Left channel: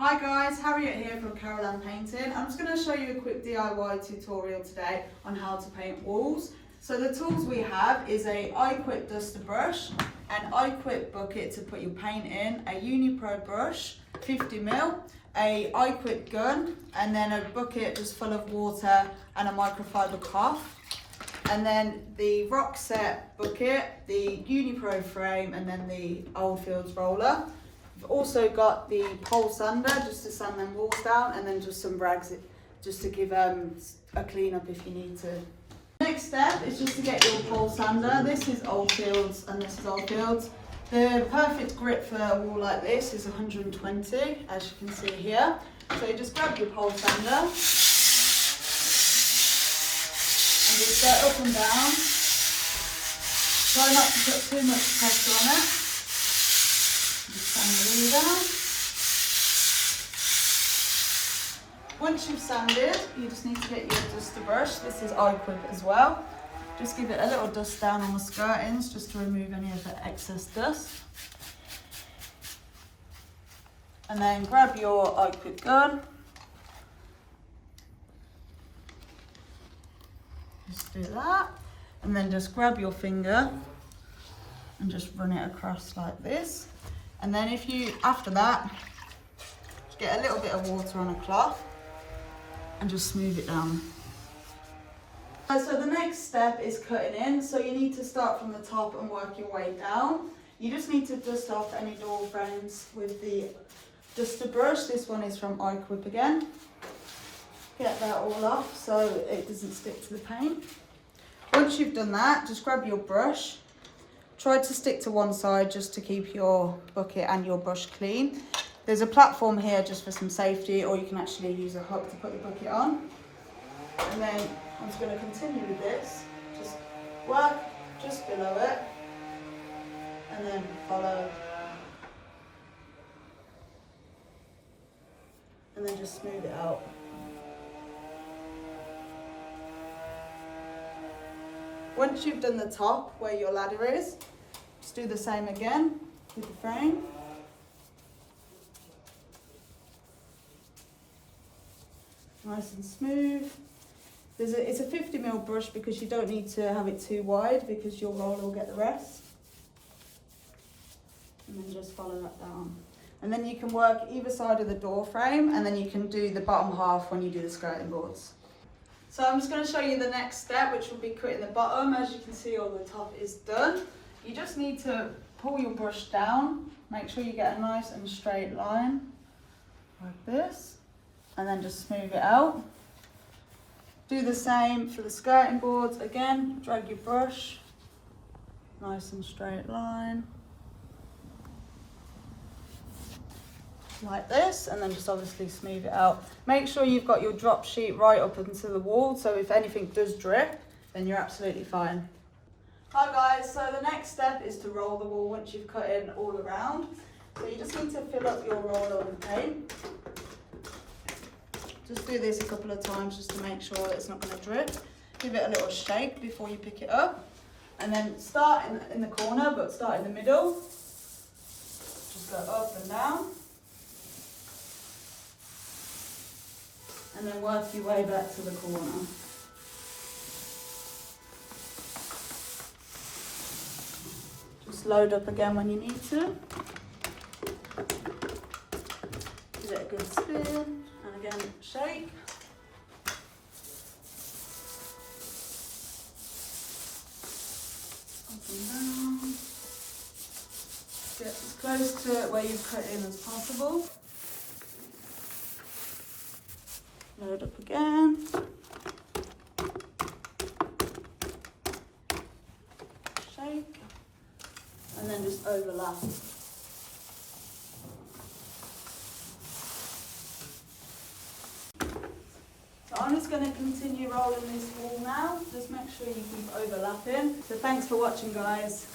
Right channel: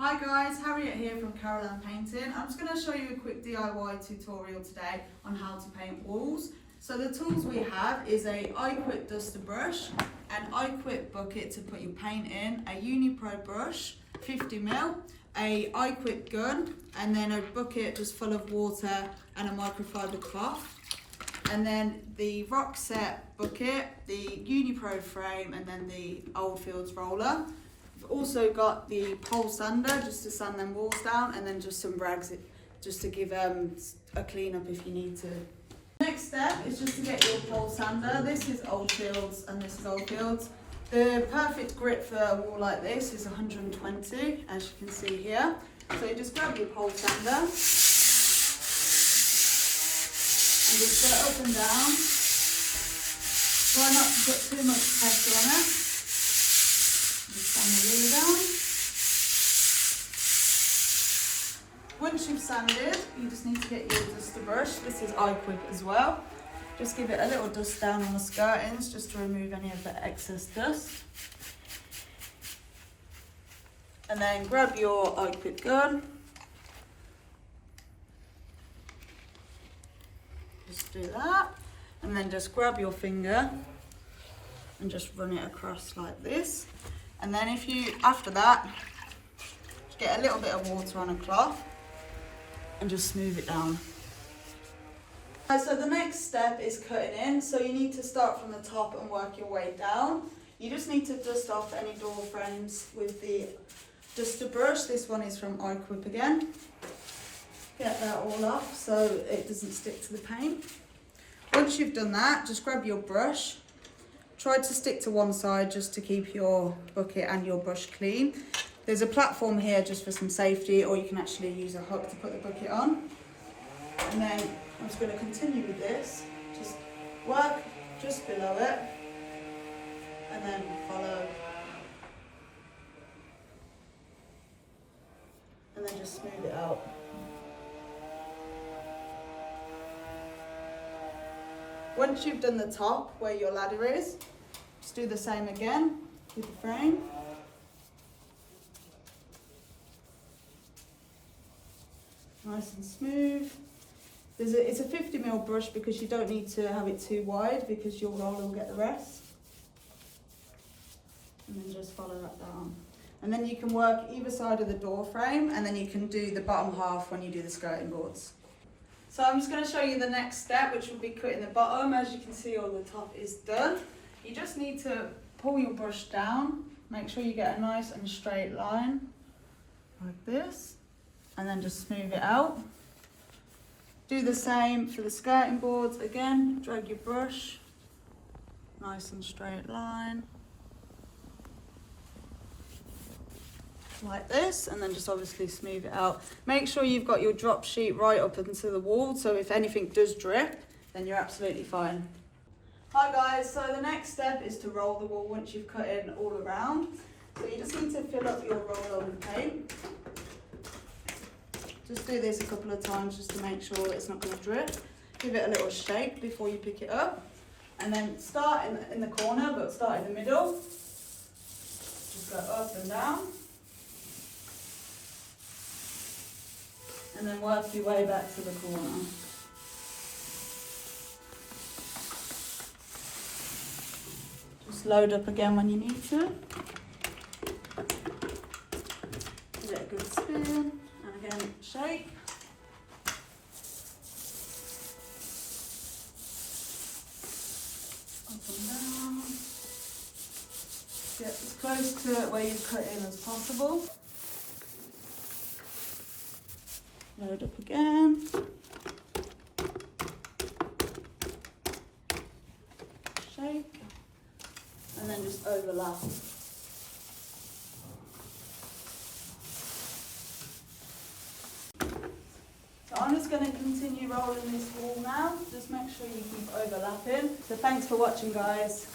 Hi guys, Harriett here from Caroline Painting. I'm just going to show you a quick DIY tutorial today on how to paint walls. So the tools we have is a iQuip duster brush, an iQuip bucket to put your paint in, a Unipro brush, 50ml, a iQuip gun, and then a bucket just full of water and a microfiber cloth. And then the rock set bucket, the Unipro frame, and then the Oldfields roller. We've also got the pole sander just to sand them walls down, and then just some rags just to give a clean up if you need to. Next step is just to get your pole sander. This is Oldfields and this is Oldfields. The perfect grip for a wall like this is 120, as you can see here. So you just grab your pole sander and just go up and down. Try not to put too much pressure on it. Just sand the wheel down. Once you've sanded, you just need to get your duster brush. This is iQuip as well. Just give it a little dust down on the skirtings just to remove any of the excess dust. And then grab your iQuip gun. Just do that. And then just grab your finger and just run it across like this. And then after that, get a little bit of water on a cloth and just smooth it down. So the next step is cutting in. So you need to start from the top and work your way down. You just need to dust off any door frames with the duster brush. This one is from iQuip again. Get that all off so it doesn't stick to the paint. Once you've done that, just grab your brush. Try to stick to one side just to keep your bucket and your brush clean. There's a platform here just for some safety, or you can actually use a hook to put the bucket on. And then I'm just going to continue with this. Just work just below it and then follow. And then just smooth it out. Once you've done the top where your ladder is, just do the same again with the frame. Nice and smooth. It's a 50ml brush because you don't need to have it too wide because your roller will get the rest. And then just follow that down. And then you can work either side of the door frame, and then you can do the bottom half when you do the skirting boards. So I'm just going to show you the next step, which will be cutting the bottom. As you can see, all the top is done. You just need to pull your brush down, make sure you get a nice and straight line like this, and then just smooth it out. Do the same for the skirting boards. Again, drag your brush, nice and straight line like this, and then just obviously smooth it out. Make sure you've got your drop sheet right up into the wall, so if anything does drip, then you're absolutely fine. Hi guys, so the next step is to roll the wall once you've cut in all around. So you just need to fill up your roller with paint. Just do this a couple of times just to make sure that it's not going to drip. Give it a little shake before you pick it up. And then start in the corner, but start in the middle. Just go up and down. And then work your way back to the corner. Just load up again when you need to. Give it a good spin, and again shake. Up and down. Get as close to where you cut in as possible. Load up again. Shake. And then just overlap. So I'm just going to continue rolling this wall now. Just make sure you keep overlapping. So thanks for watching, guys.